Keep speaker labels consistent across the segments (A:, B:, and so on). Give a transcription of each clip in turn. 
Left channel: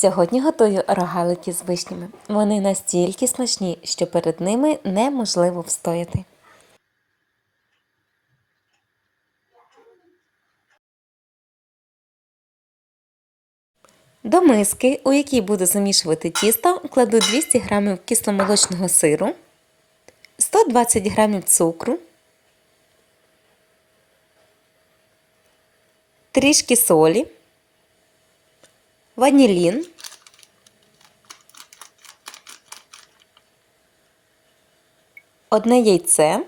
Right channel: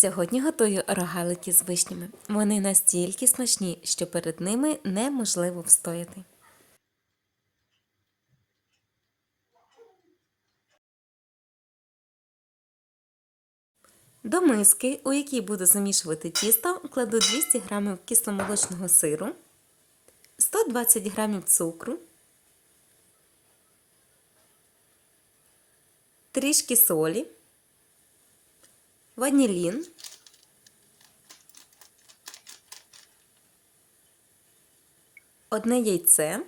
A: Сьогодні готую рогалики з вишнями. Вони настільки смачні, що перед ними неможливо встояти. До миски, у якій буду замішувати тісто, кладу 200 г кисломолочного сиру, 120 г цукру, трішки солі, ванілін, одне яйце,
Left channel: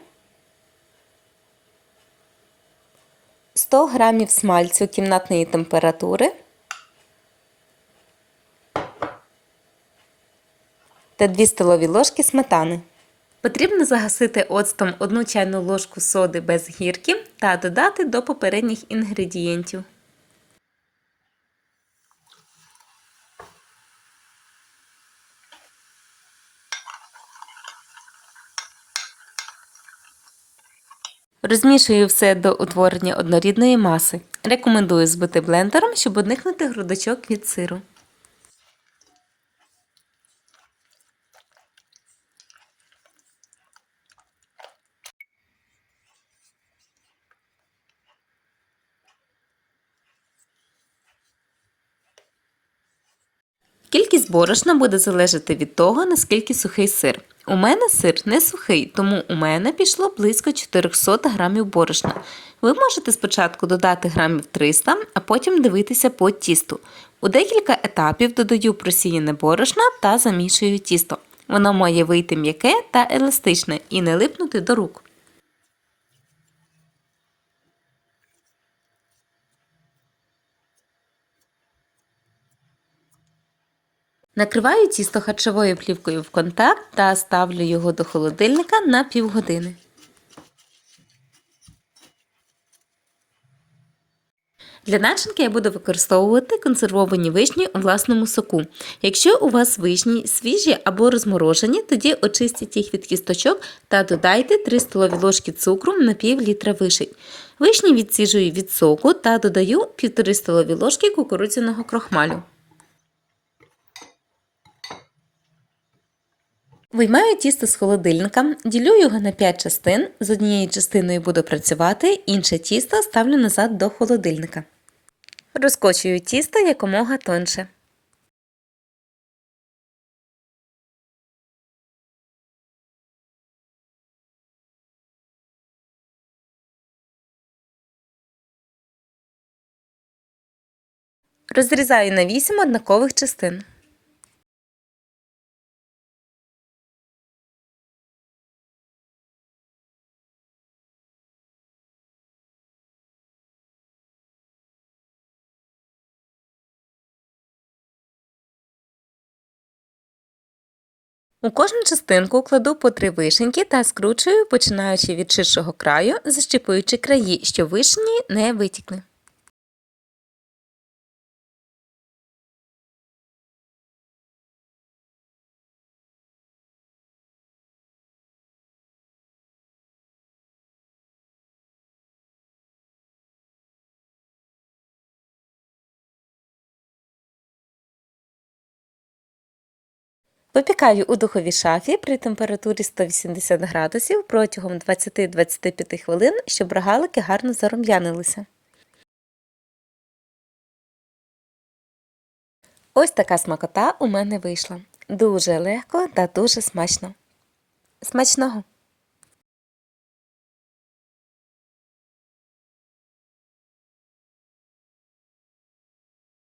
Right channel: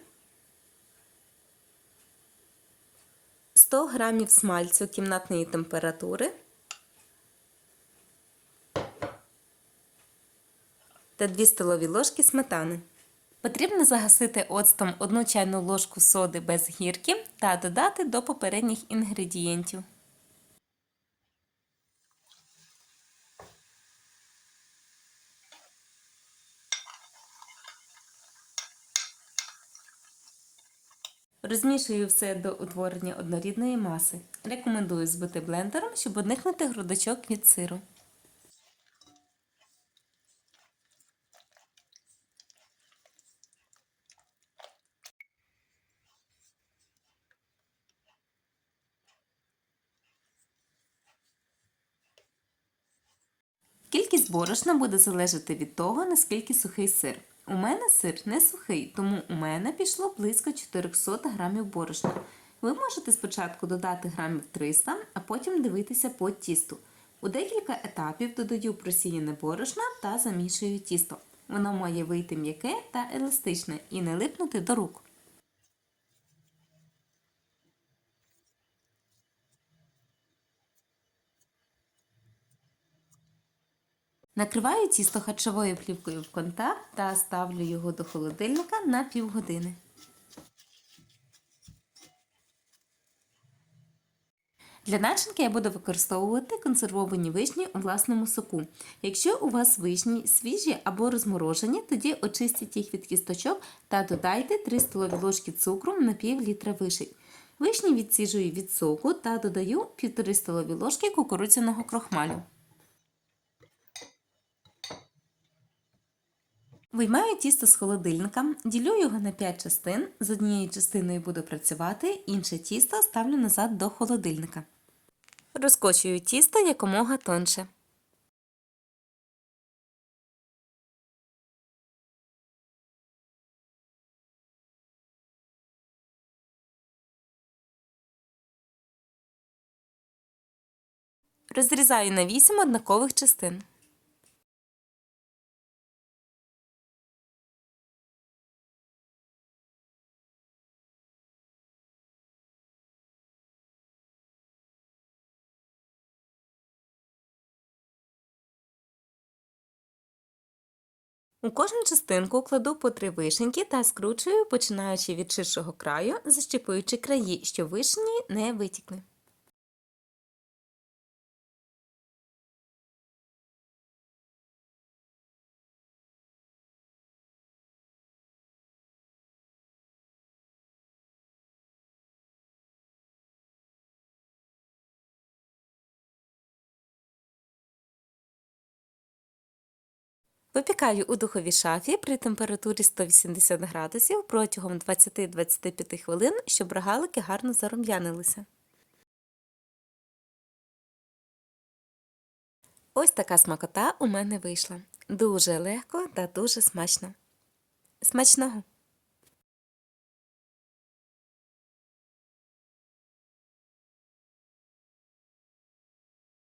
A: 100 г смальцю кімнатної температури та 2 столові ложки сметани. Потрібно загасити оцтом 1 чайну ложку соди без гірки та додати до попередніх інгредієнтів. Розмішую все до утворення однорідної маси. Рекомендую збити блендером, щоб уникнути грудочок від сиру. Кількість борошна буде залежати від того, наскільки сухий сир. У мене сир не сухий, тому у мене пішло близько 400 грамів борошна. Ви можете спочатку додати грамів 300, а потім дивитися по тісту. У декілька етапів додаю просіяне борошна та замішую тісто. Воно має вийти м'яке та еластичне і не липнути до рук. Накриваю тісто харчовою плівкою в контакт та ставлю його до холодильника на півгодини. Для начинки я буду використовувати консервовані вишні у власному соку. Якщо у вас вишні свіжі або розморожені, тоді очистіть їх від кісточок та додайте 3 столові ложки цукру на пів літра вишень. Вишні відсіжую від соку та додаю 1,5 столові ложки кукурудзяного крохмалю. Виймаю тісто з холодильника, ділю його на 5 частин. З однією частиною буду працювати, інше тісто ставлю назад до холодильника. Розкочую тісто якомога тонше. Розрізаю на 8 однакових частин. У кожну частинку кладу по три вишеньки та скручую, починаючи від ширшого краю, защіпуючи краї, щоб вишні не витікли. Випікаю у духовій шафі при температурі 180 градусів протягом 20-25 хвилин, щоб рогалики гарно зарум'янилися. Ось така смакота у мене вийшла. Дуже легко та дуже смачно. Смачного!